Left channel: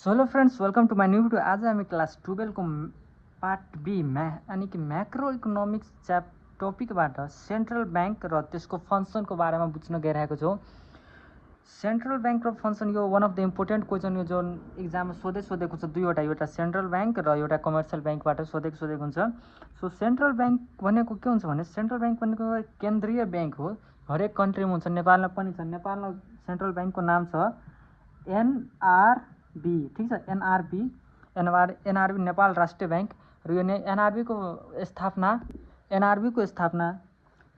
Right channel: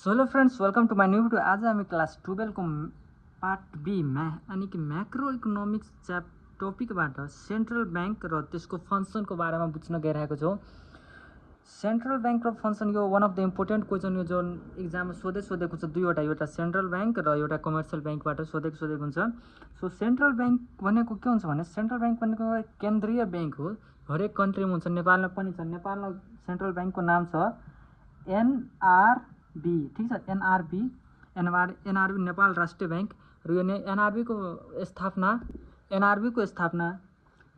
So hello friends, welcome to my new video. आज हामी class 12 को पार्ट बी यानी कि मैक्रो इकोनोमिक्स टपिकबाट सेन्ट्रल बैंक र त्यसको फंक्सनको बारेमा बुझ्न गइरहेको छौँ। सेन्ट्रल बैंक र फंक्सन यो one of the important question हो जुन एक्जाममा सोधेको छ। दुईवटा, एउटा सेन्ट्रल बैंक र एउटा कमर्सियल बैंकबाट सोधेको हुन्छ। सो सेन्ट्रल बैंक भनेको के हुन्छ भने सेन्ट्रल बैंक भनेको केन्द्रीय बैंक हो। हरेक कन्ट्रीमा हुन्छ, नेपालमा पनि छ। नेपालमा सेन्ट्रल बैंकको नाम छ एनआरबी, ठीक छ, एनआरबी नेपाल राष्ट्रिय बैंक। र यो एनआरबी को स्थापना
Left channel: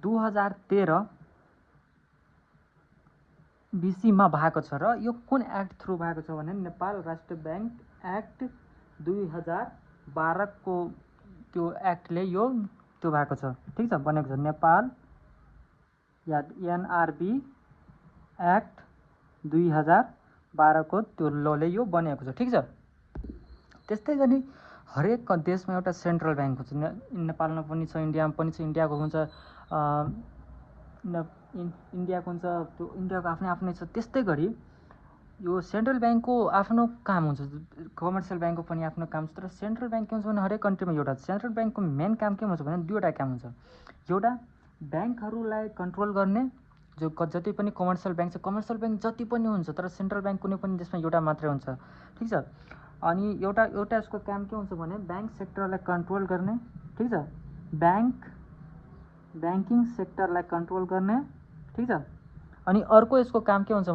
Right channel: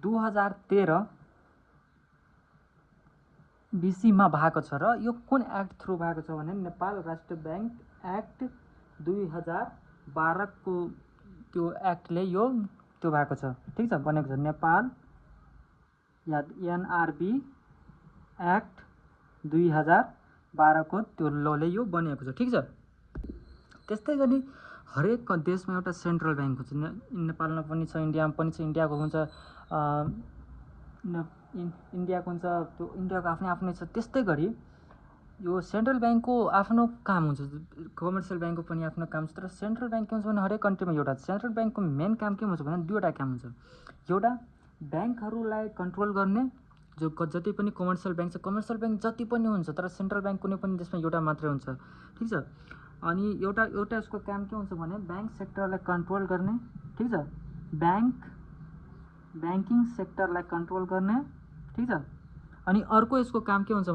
2013 बीसीमा भएको छ। र यो कुन एक्ट थ्रु भएको छ भने नेपाल राष्ट्रिय बैंक एक्ट 2012 को त्यो एक्टले यो त्यो भएको छ, ठीक छ, बनेको छ। नेपाल एनआरबी एक्ट 2012 को त्यो लले यो बनेको छ, ठीक छ। त्यस्तै गरी हरेक देशमा एउटा सेन्ट्रल बैंक हुन्छ। नेपालमा पनि छ, इन्डियामा पनि छ। इन्डियाको हुन्छ इन्डियाको हुन्छ, त्यो इन्डियाको आफ्नै आफ्नै छ। त्यस्तै गरी यो सेन्ट्रल बैंकको आफ्नो काम हुन्छ, कमर्सियल बैंकको पनि आफ्नो काम छ। तर सेन्ट्रल बैंक के हुन्छ भने हरेक कन्ट्रीमा एउटा सेन्ट्रल बैंकको मेन काम के हुन्छ भने दुईवटा काम हुन्छ। एउटा बैंकहरूलाई कन्ट्रोल गर्ने, जो जति पनि कमर्सियल बैंक छ, कमर्सियल बैंक जति पनि हुन्छ, तर सेन्ट्रल बैंक कुनै पनि देशमा एउटा मात्रै हुन्छ, ठीक छ। अनि एउटा यसको काम के हुन्छ भने बैंक सेक्टरलाई कन्ट्रोल गर्ने, ठीक छ, बैंकिङ सेक्टरलाई कन्ट्रोल गर्ने, ठीक छ। अनि अर्को यसको काम के हुन्छ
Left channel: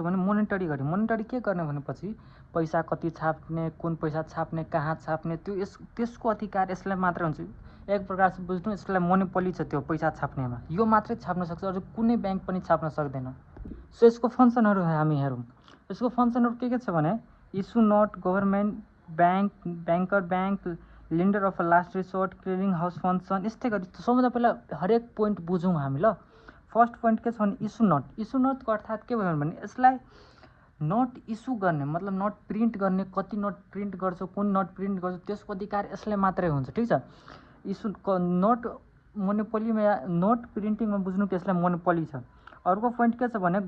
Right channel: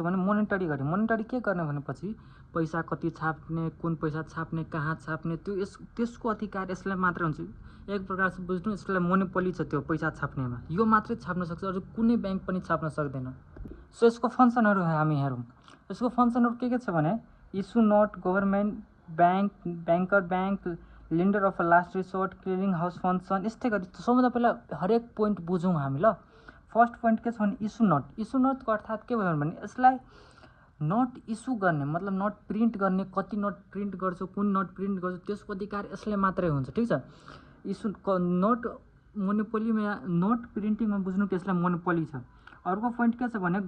भने मोनिटरी गर्ने। मोनिटरी के गर्ने भनेपछि पैसा कति छाप्ने, कुन पैसा छाप्ने, कहाँ छाप्ने, त्यो त्यसको अधिकार यसलाई मात्रै हुन्छ। एक प्रकार से बुझ्नु, यसलाई मोनोपोली छ त्यो पैसा छाप्नेमा। यो मात्रै छाप्न सक्छ, अझ कुनै बैंक पनि छाप्न सक्दैन। सो यसको फंक्सनहरू हामी हेरौँ। यसको फंक्सनहरू के छ भने issue note, government bank, banker bank, lender of last resort, clearing house function. यस्तै गरी सबभन्दा पहिला हरेक पोइन्ट बुझौँ हामी ल। फर्स्ट पोइन्ट के छ भने इस्यु नोट। इस्यु नोटको अर्थात् के भयो भने यसलाई नोट इस्यु गर्ने, मतलब नोट प्रिन्ट गर्ने, कति नोट प्रिन्ट गर्छ, कुन नोट प्रिन्ट गर्छ, त्यसको अधिकार यसले मात्रै हुन्छ, ठीक छ। इस्यु नोट मोनोपोलीमा, नोट प्रिन्टिङमा बुझ्नु कि यसलाई मोनोपोली छ। अर्को पोइन्ट के छ भने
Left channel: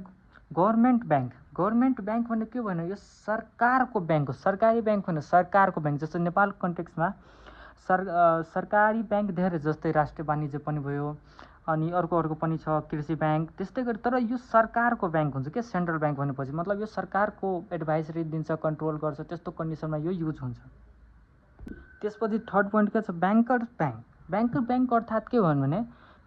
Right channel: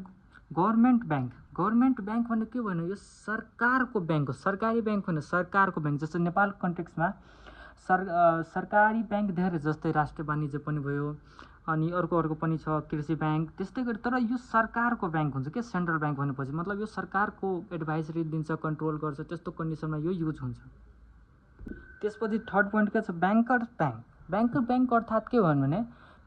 गभर्नमेन्ट बैंक। गभर्नमेन्ट बैंक भनेको के भने यो सरकारको बैंक हो, सरकारी बैंक होइन, सरकारको बैंक। जस्तै नेपाल कन्टेक्समा सरकारी बैंक धेरै, जस्तै राष्ट्रिय वाणिज्य पनि भयो, अनि अर्को पनि छ कृषि बैंक। त्यस्तै गरी तर यो सरकारको बैंक हुन्छ के सेन्ट्रल बैंक भनेपछि, मतलब यो सरकारको एडभाइजरी दिन्छ, कन्ट्रोल गर्छ, त्यस्तो कन्डिसनमा यो युज हुन्छ। त्यसपछि थर्ड पोइन्ट के छ बैंकर बैंक। बैंकर बैंक अर्थात् के भयो भने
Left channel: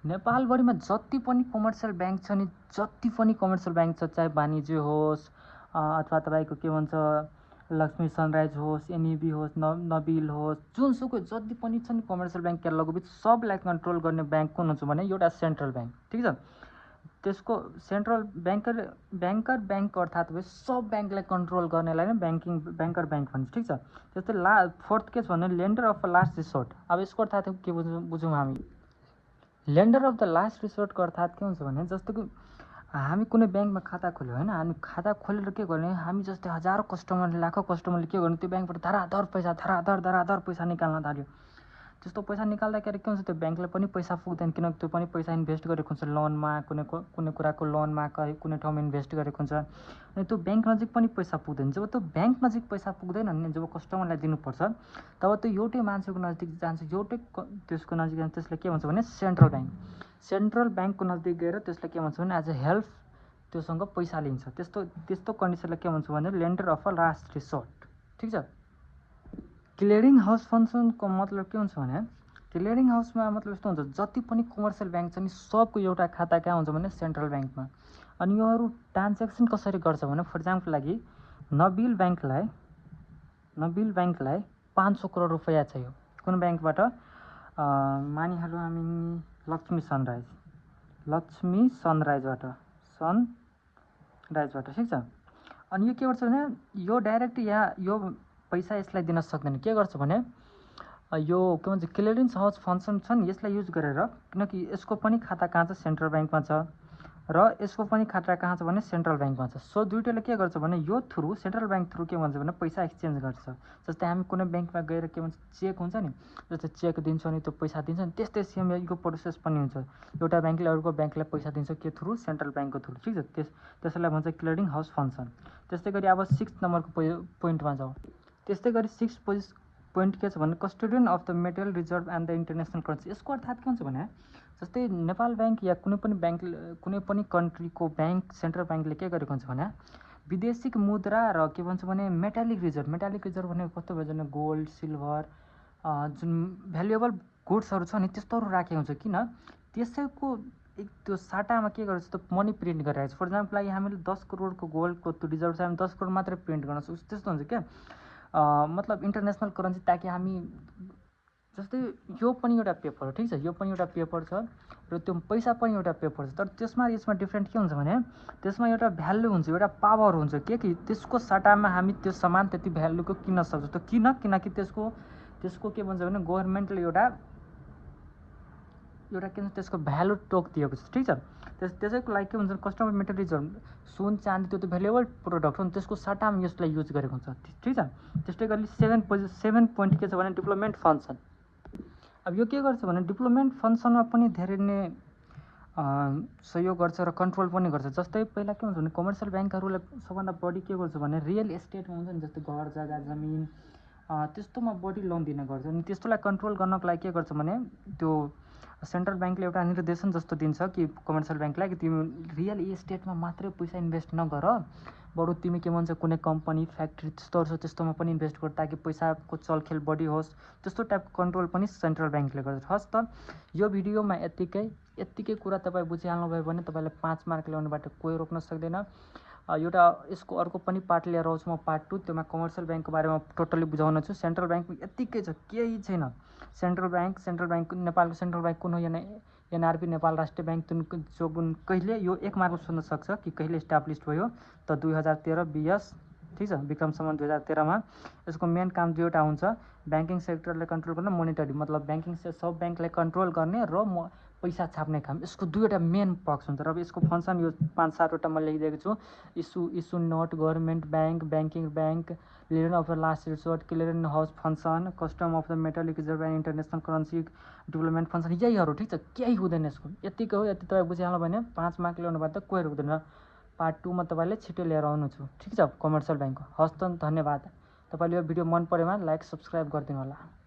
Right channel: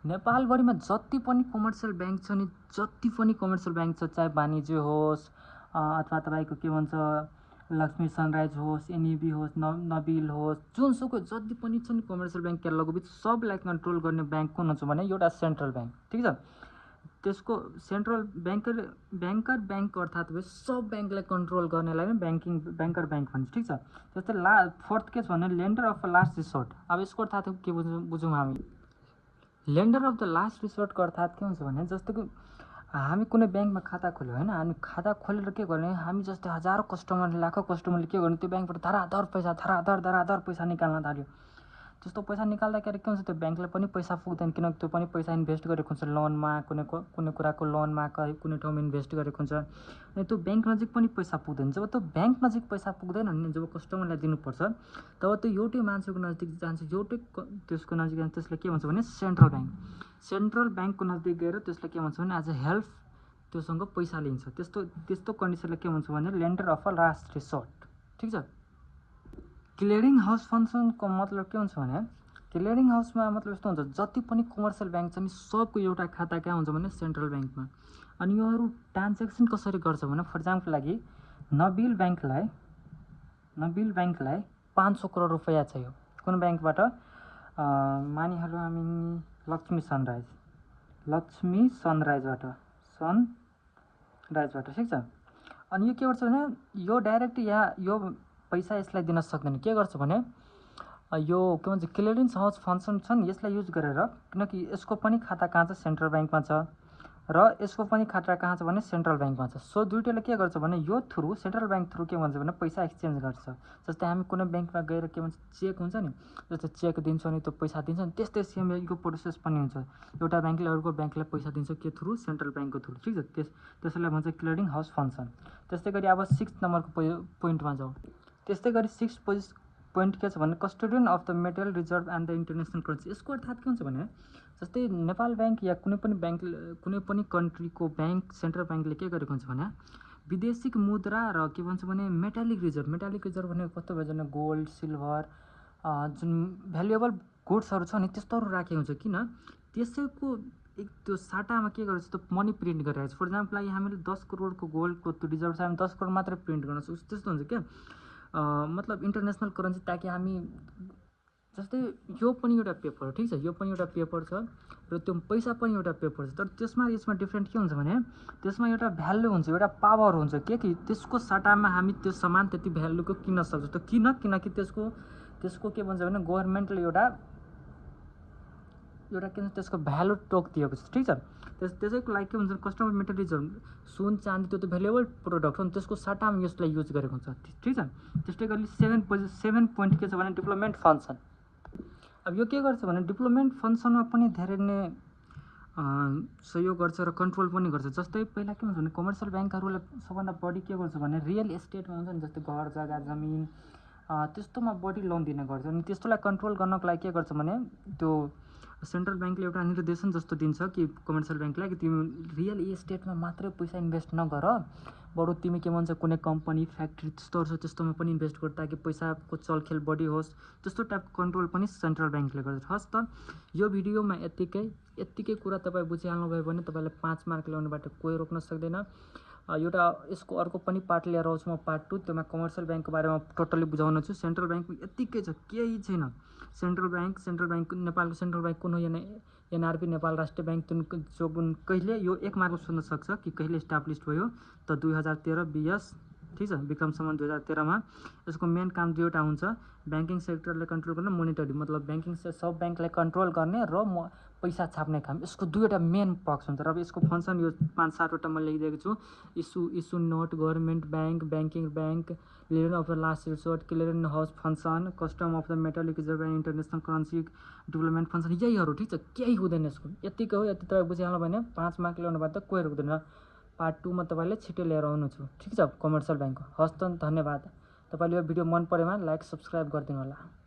नेपालभरिमा जति पनि कमर्सियल बैंक छ नि, जति पनि कमर्सियल बैंक छ, चाहे वाणिज्य होस् अथवा तपाईँको के भन्छ लक्ष्मी सनराइज होस्, एनईबी होस्, नबिल होस्, जुनसुकै जति पनि छ नि कमर्सियल बैंक केरलाको सबलाई कन्ट्रोल गर्ने बैंक कुन हुन्छ भने एउटा सेन्ट्रल बैंक, ठिक छ। त्यसको सेन्ट्रल बैंकर बैंक अर्थात् सब बैंकलाई कन्ट्रोल गर्नेलाई नै बैंकर बैंक भन्छ, ठिक छ। त्यस्तै फोर्थ के छ भने लेन्डर अफ लास्ट रिसोर्ट। अब यसको अर्थात् के बुझौँ हामी। लेन्डर अफ द लास्ट रिसोर्टको अर्थात् के हुन्छ भने जस्तो कि हामी कुनै बैंकमा खाता खोल्यो होइन, हामी खाता खोलेर के गर्ने, हामी जस्तै हजारौँ कस्टमरले, लाखौँ कस्टमरले के गर्ने, त्यो बैंकबाट धराधर पैसा निकाल्न थाल्यो। त्यस्तो पैसा निकाल्दाखेरि के हुन्छ, त्यो बैंकलाई पनि पैसा पुग्दैन, किनकि त्यो पनि पैसा इन्भेस्ट गरेको हुन्छ लोनमा, कुनै कुराको लोनमा, कुनै ठाउँमा इन्भेस्ट गरेको हुन्छ। अनि त्यो बैंक नजिक पनि पैसा पुग्दैन। जब त्यो बैंक नजिक पैसा पुग्दैन भने जब कस्टमरलाई दिनुपर्छ तब त्यो एउटै मान्छेको नजिक जान्छ, एउटै त्यसको नजिक जान्छ। त्यसलाई के भन्छ भने सेन्ट्रल बैंक। सेन्ट्रल बैंकको नजिक गएर त्यसलाई के भन्छ भने एज अ हेल्प त्योसँग पैसा लिन्छ। त्यस्तो कन्डिसनलाई के भन्छ भने lender of a last resort, ठिक छ। क्लियरिङ हाउस फंक्सनको मतलब के हुन्छ भने क्लियरिङ हाउसमा मतलब यस्तो हुन्छ, जति पनि कमर्सियल बैंक छ नि सबको एउटा खाता कहाँ हुन्छ भने सेन्ट्रल बैंकमा। अनि योहरू ट्रान्ज्याक्सन कसरी गर्छ भने फर इक्जाम्पल लागि नबिल बैंकलाई 500 करोड रुपैयाँ चाहियो कुन बैंकबाट, मानिहालौँ हामी लक्ष्मी सनराइजबाट, ठिक छ। अनि यो के गर्छ भने यो डाइरेक्ट यो पैसा यसलाई दिन सक्दैन। के गर्छ भने यो के भन्छ क्लियरिङ हाउस फंक्सन छ नि, यसलाई युज गरेर, किनकि यसको पनि खाता कहाँ छ सेन्ट्रल बैंकमा छ, र यसको पनि खतरा कहाँ छ भने सेन्ट्रल ब्याङ्कमा छ। सो दुइटैले के गर्छ भने यो थ्रु सेन्ट्रल ब्याङ्क थ्रु के भन्छ भने पैसा एक्सचेन्ज गर्छ। जस्तै हामी कुनै ब्याङ्कमा गएर के भन्छ चेक हुन्छ नि, जस्तै चेक दिन्छौँ नि त्यो पैसा दिन्छ नि, त्यस्तै सेम यो प्रोसेस पनि हुन्छ। एउटा ब्याङ्कले अर्को ब्याङ्कलाई पैसा दिन्छ के थ्रु सेन्ट्रल ब्याङ्कको थ्रु, ठिक छ। त्यसलाई भन्छ क्लियरिङ हाउस फङ्सन। त्यस्तै गरी अब 6 नम्बरको पोइन्टमा जाउँ। त्यस्तै गरी 6 पोइन्ट के छ भने custodian of the metal reserve and the international currency. यसको अर्थात् के हुन्छ भने जस्तै नेपाल ब्याङ्क या कुनै पनि कन्ट्रीको ब्याङ्क सेन्ट्रल ब्याङ्कले के गरेको हुन्छ भने विदेशी मुद्रा र के भन्छ भने मेटालिक रिजर्भ भने कस्तो भन्छ भने गोल्ड सिल्भर जुन भ्यालुएबल गुड्सहरू छ नि त्यस्तोहरू राखेको हुन्छ। किन त्यसैको त्यो साटामा के गर्छ त्यो मनी प्रिन्ट गरिरहेको छ। फर इक्जाम्पल लागि हामीले 10 करोडको गोल्डको त्यो रिजर्भ छ, हामी 10 करोड मात्रै प्रिन्ट गर्न सक्छौँ, त्यस्तो हुन्छ क्या। मतलब इन्टरनेसनल करेन्सी ताकि हामी जस्तै यो पनि एउटा पेपर हो, ठिक छ, यो पनि एउटा पेपर छ र त्यो पैसा पनि एउटा पेपर छ। तर यसमा डिफ्रेन्ट के हुन्छ भने त्यसमा एउटा भ्यालु हुन्छ, एउटा पावर हुन्छ के कि त्यसको सट्टामा हामी त्यो सामान त्यति भ्यालुको किन्न सक्छौँ। त्यो किनकि त्यसको के भन्छ भने गभर्मेन्टले एउटा के भन्छ त्यसको भ्यालु तोकिदिएको छ, ठिक छ। त्यसैको लागि के भन्छ कस्टमर मेटल रिजर्भ सुन चाँदी त्यो त भ्यालुएबल प्रोडक्ट हो नि, त्यसको सट्टामा यसलाई युज गरेको हुन्छ, ठिक छ। त्यस्तै गरी 7 पोइन्ट के छ भने डेभलपमेन्ट फङ्सन। अब यो के गर्छ भने डेभलपमेन्ट फङ्सनमा पनि धेरै नै सहयोग गर्छ र कन्ट्रोल पनि गर्छ। जस्तै पहिला के हुन्छ भने कमर्सियल ब्याङ्कहरूले सबभन्दा बढी के गर्छ भने रियल एस्टेटमा हुन्छ नि, जस्तै घर जग्गा जमिन त्यस्तोमा बढी लोन दिने गर्छ। अनि त्यस्तोलाई कन्ट्रोल गर्नको लागि के गर्छ भने त्यो सेन्ट्रल ब्याङ्कले एउटा निर्देशन जस्तो दिन्छ कि कमर्सियल ब्याङ्कलाई कि तिमी रियल इस्टेटमा मात्रै पैसा इन्भेस्ट नगर, बरु तिमी के भन्छ कुनै कम्पनी फ्याक्ट्री त्यस्तोहरू छ त्यस्तोमा पनि इन्भेस्ट गर ताकि पैसाको चलखेल बढी होस्। त्यस्तो टाइपको कन्ट्रोल पनि सेन्ट्रल ब्याङ्कले गर्छ। हस् त यो भिडियोमा यत्तिकै कुरा तपाईँ बुझिहाल्नुभयो भने तपाईँले 5 मार्क ल्याउनुबाट कोही रोक्न सक्दैन। एउटा यसको अर्को पनि पार्ट लिएर आउँछु म, पार्ट 2, त्यसमा कमर्सियल ब्याङ्कको बारेमा टोटली बुझाउन छु। सेन्ट्रल ब्याङ्कमा यत्तिकै छ, केही छैन। सेन्ट्रल ब्याङ्क नेपालको सेन्ट्रल ब्याङ्क कुन हो, एनआरबी नेपाल राष्ट्रिय ब्याङ्क जो कहिले यो 1 मार्कमा सोध्न सक्छ कि कहिले इस्टाब्लिस भयो त 2013-20, ठिक छ, विक्रम सम्वत 2013मा। यसको मेन काम दुईवटा हुन्छ, ब्याङ्किङ सेक्टरलाई कन्ट्रोल गर्ने, मोनिटरी मतलब ब्याङ्किङ सब ब्याङ्कलाई कन्ट्रोल गर्ने र पैसा छाप्ने काम। यसको दुईवटा मेन पक्ष हुन्छ र यसको फङ्सन यो 5-7वटा म लेखिदिएको छु। Issue note, government bank, banking bank, clearing of the last resort, clearing house function, custom of the metallic reserve and international currency development function, यहीहरू, ठिक छ। केही हुँदैन यसको, यतिकै हो। यति तपाईँ बुझिहाल्नु भने 5 मार्क ल्याउनु बाद त कोही रोक्दैन। पार्ट 2 मा तपाईँले छिटो लिएर आउनु छु, ठिक छ, कमर्सियल ब्याङ्कको। हस् त, धन्यवाद। तपाईँले यो भिडियो मन परेमा लाइक सब्सक्राइब गरिदिनु होला।